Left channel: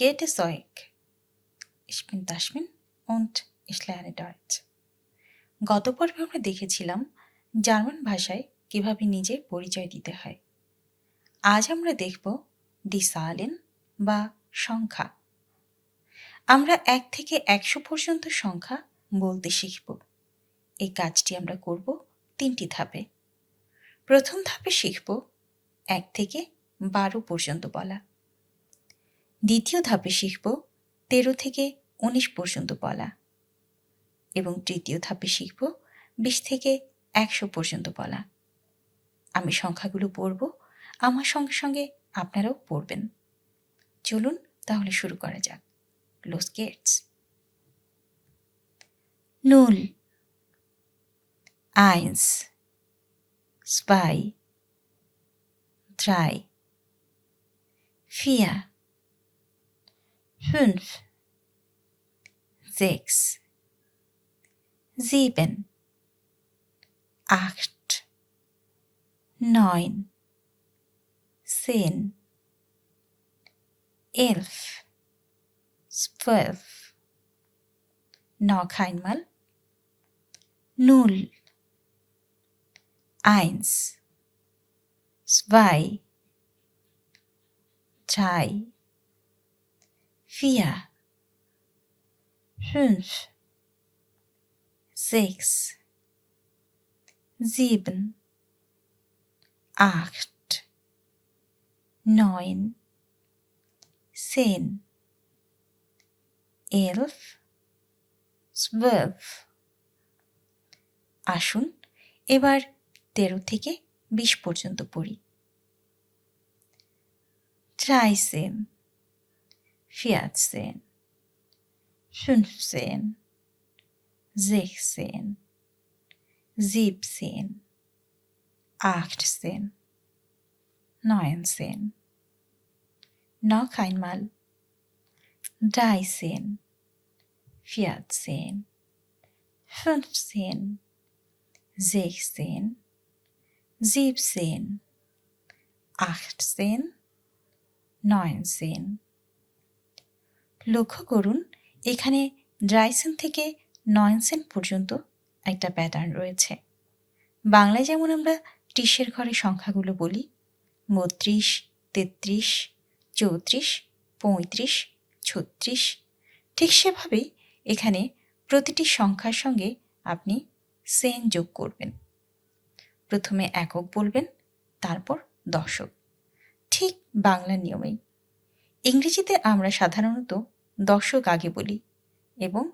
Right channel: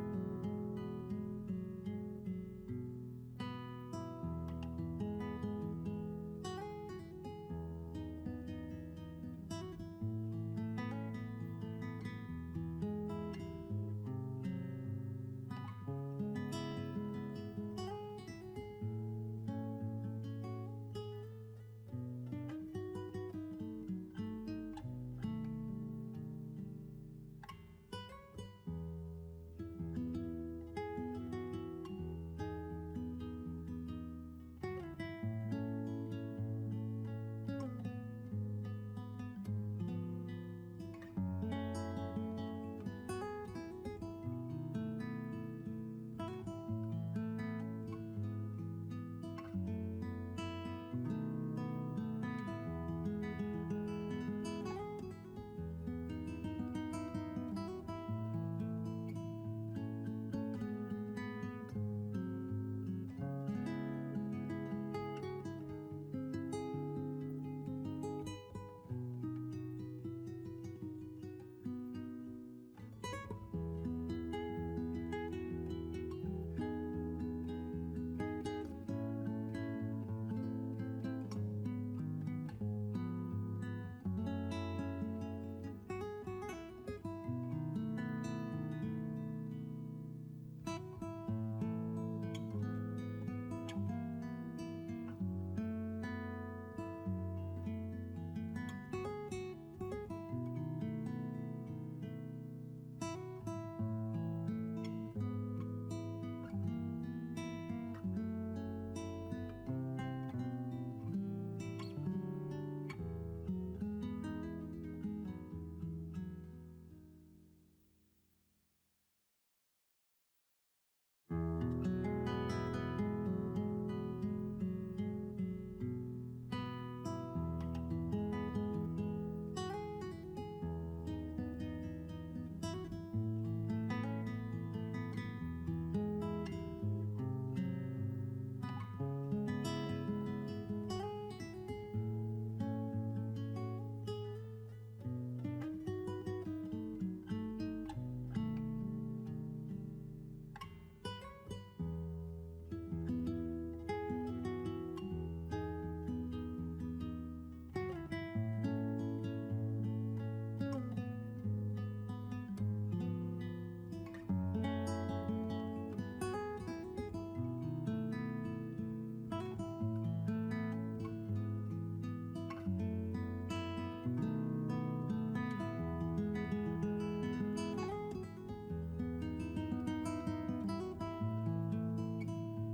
geht es euch? Ich bin Tasmin und ich lerne Deutsch. গত পর্বে আমরা দেখেছিলাম জার্মান ভাষায় কিভাবে নিজের পরিচয় দিতে হয়। আজ আমরা দেখব দি সালেন বা সংখ্যা। আমরা 1 থেকে 100 পর্যন্ত সংখ্যা বলতে শিখব। এই কাজটি আমরা করব 3টি ধাপে। প্রথম ধাপে শিখব 1 থেকে 12 পর্যন্ত বলা। দ্বিতীয় ধাপে শিখব 13 থেকে 19 পর্যন্ত বলা এবং তৃতীয় ধাপে শিখব 20 থেকে 100 পর্যন্ত বলা। আমি সংখ্যাগুলো পড়ব, আমার সঙ্গে সঙ্গে আপনারাও পড়বেন। চলুন তাহলে শুরু করা যাক। Los geht's. 0, 1, 2, 3, 4, 5, 6, 7, 8, 9, 10, 11, 12. Noch einmal. 0, 1, 2, 3, 4, 5, 6, 7, 8, 9, 10, 11, 12. আসুন এবার 13 থেকে 20 পর্যন্ত পড়ি। 13, 14, 15, 16, 17, 18, 19. Noch einmal. 13, 14, 15, 16, 17, 18, 19. লক্ষ্য করুন এখানে 13 থেকে 19 পর্যন্ত একটা প্যাটার্ন রয়েছে। বাংলায় যেমন আমরা 30-এর ঘরে সংখ্যাগুলো বলি 32, 33, 34, 35, 36, ঠিক সেভাবেই এখানে প্রতিটি সংখ্যার সঙ্গে আপনি সেন যোগ করবেন। প্রথমে একক বলবেন, তারপর দশক, ঠিক বাংলা নিয়মেই। ইংরেজিতে আমরা সাধারণত দশক আগে বলি এবং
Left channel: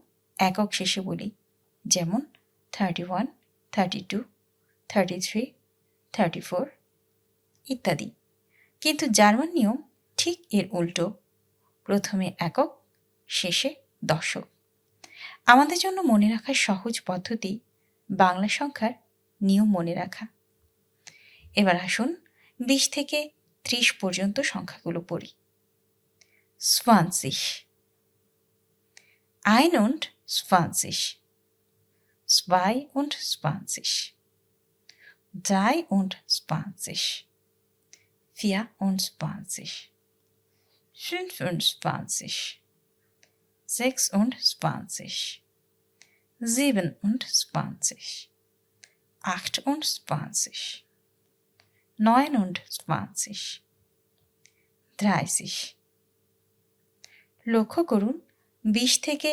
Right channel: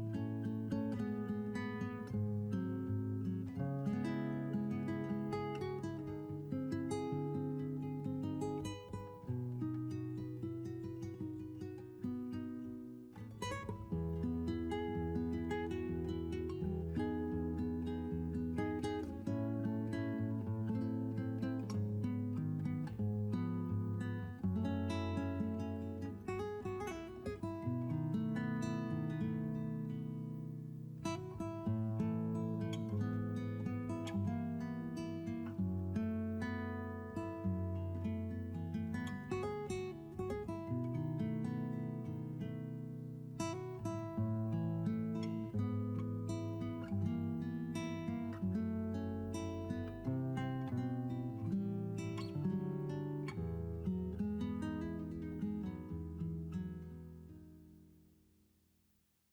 একক শেষে বলি, যেমন 31, 32, 33, 34 ইত্যাদি। কিন্তু জার্মান নিয়ম ঠিক এর উল্টো, প্রথমে একক, শেষে দশক। আমাদের জন্য মনে রাখার সহজ পদ্ধতি বাংলা সংখ্যার নিয়ম মনে রাখা। এবার আসুন 20 থেকে 30 পর্যন্ত সংখ্যাগুলো পড়ি। 20, 21, 22, 23, 24, 25, 26, 27, 28, 29, 30. লক্ষ্য করুন 20 থেকে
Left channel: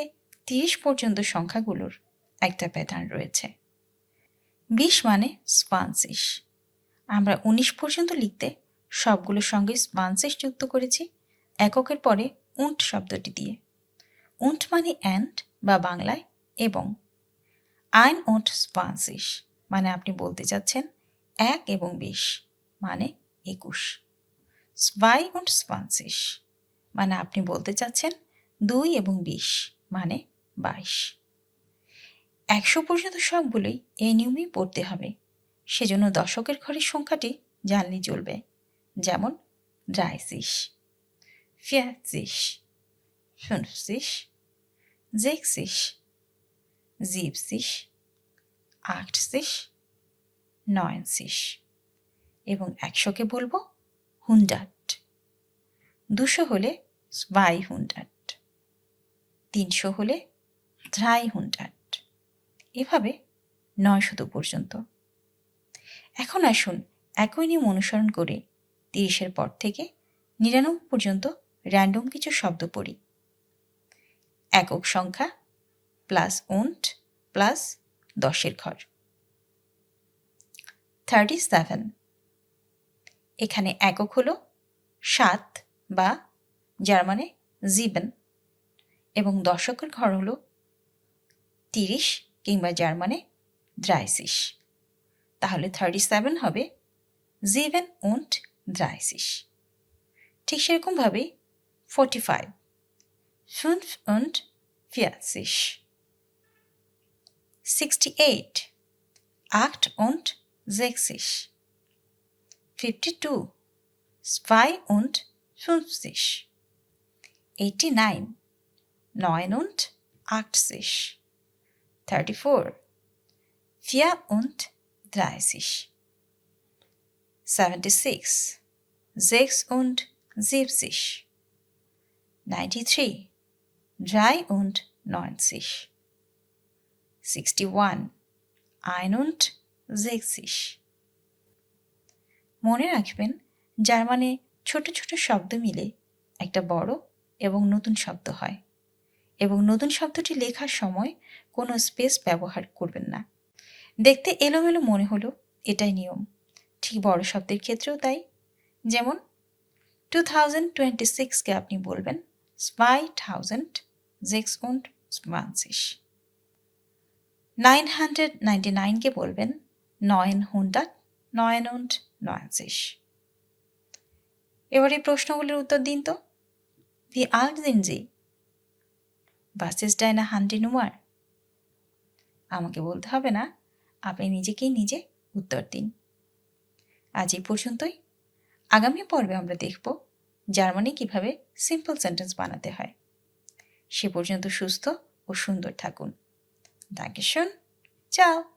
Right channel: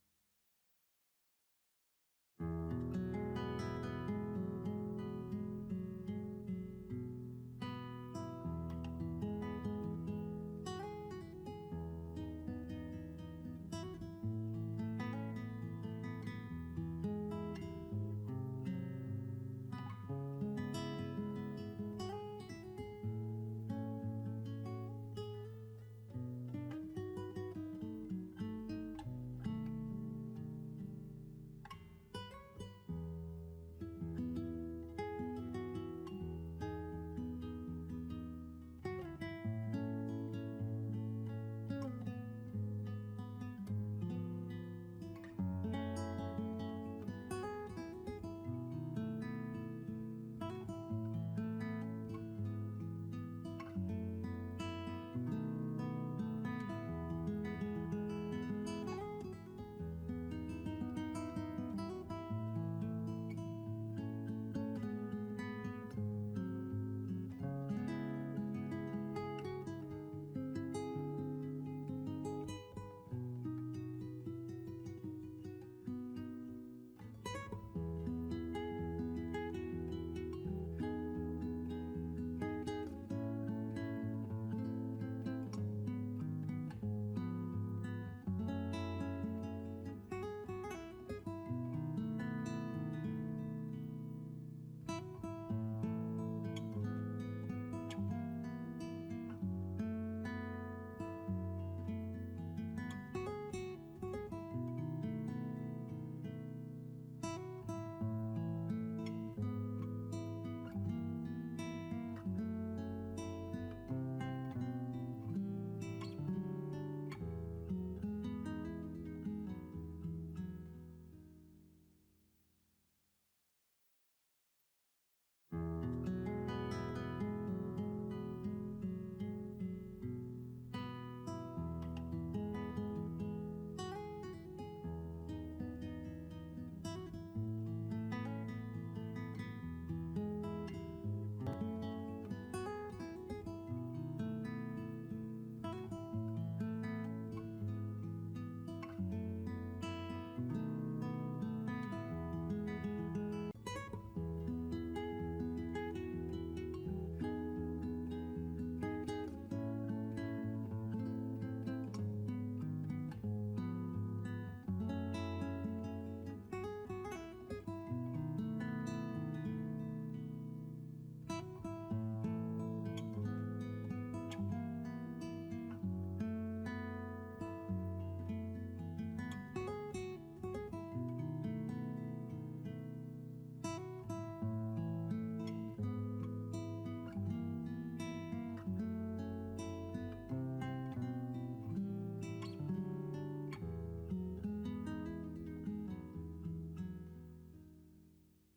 30 পর্যন্ত সংখ্যাগুলোর একটা প্যাটার্ন রয়েছে। 20 মানে 20। আমরা 19 পর্যন্ত লিখতে সবগুলোর সঙ্গে 20 যুক্ত করেছি এককের পরে উন্ট শব্দটি দিয়ে। উন্ট মানে অ্যান্ড বা বাংলায় এবং। 21 মানে আপনি বলতে চাচ্ছেন 1 এবং 20 মানে 21। 22 মানে আপনি বলতে চাচ্ছেন 2 এবং 20 মানে 22। 100 পর্যন্ত সবগুলোই এই নিয়মেই পড়তে হবে, সেজন্য দশকের ঘরের সংখ্যাটি জানলেই চলবে, যেমন 30, 40, 50, 60, 70, 80, 90 এবং 100কে বলবো 100। 200 হলে 200, 300 হলে 300, এভাবে 900 পর্যন্ত। এখন আসুন একই নিয়ম অনুসরণ করে 30-এর পর থেকে 99 পর্যন্ত র্যান্ডম কিছু শব্দ পড়ি। একক সংখ্যা প্লাস und প্লাস 10-এর ঘর। 37, এখানে একক হলো 7 বা জার্মানে 7 এবং দশকের ঘর হলো 30 কিংবা জার্মানে 30। তাহলে 37 হবে 7 und 30। ঠিক সেরকমভাবে 45, 45, 68, 68, 52, 52, 89, 89, 34, 34, 76, 76, 93, 93, 61, 61। মনে রাখবেন, জার্মানে ছোট ছোট শব্দ মিলে একটা বড় এবং নতুন শব্দ হয়, এবং নতুন শব্দটি লেখার সময় কোনো স্পেস ব্যবহার করবেন না। দেখতে এলোমেলো মনে হলো, এটাই নিয়ম। ঠিক বড় শব্দের ক্ষেত্রেও তাই। যেমন 2026-কে আপনি বলবেন 2026, 999-কে বলবেন 999। এবার এই প্রশ্নগুলোর উত্তর দিন তো। Wie alt sind Sie? Was ist deine Handynummer? আমাকে বলতে হবে না, আপনি নিজেকেই নিজে উত্তর দিন। আজ এই পর্যন্তই। আগামী পর্বে আমরা দেখব জার্মানি কিভাবে সিম্পল সেন্টেন্স বানাতে হয়। সে পর্যন্ত সুস্থ ও সুন্দর থাকুন। Dankeschön. Ciao.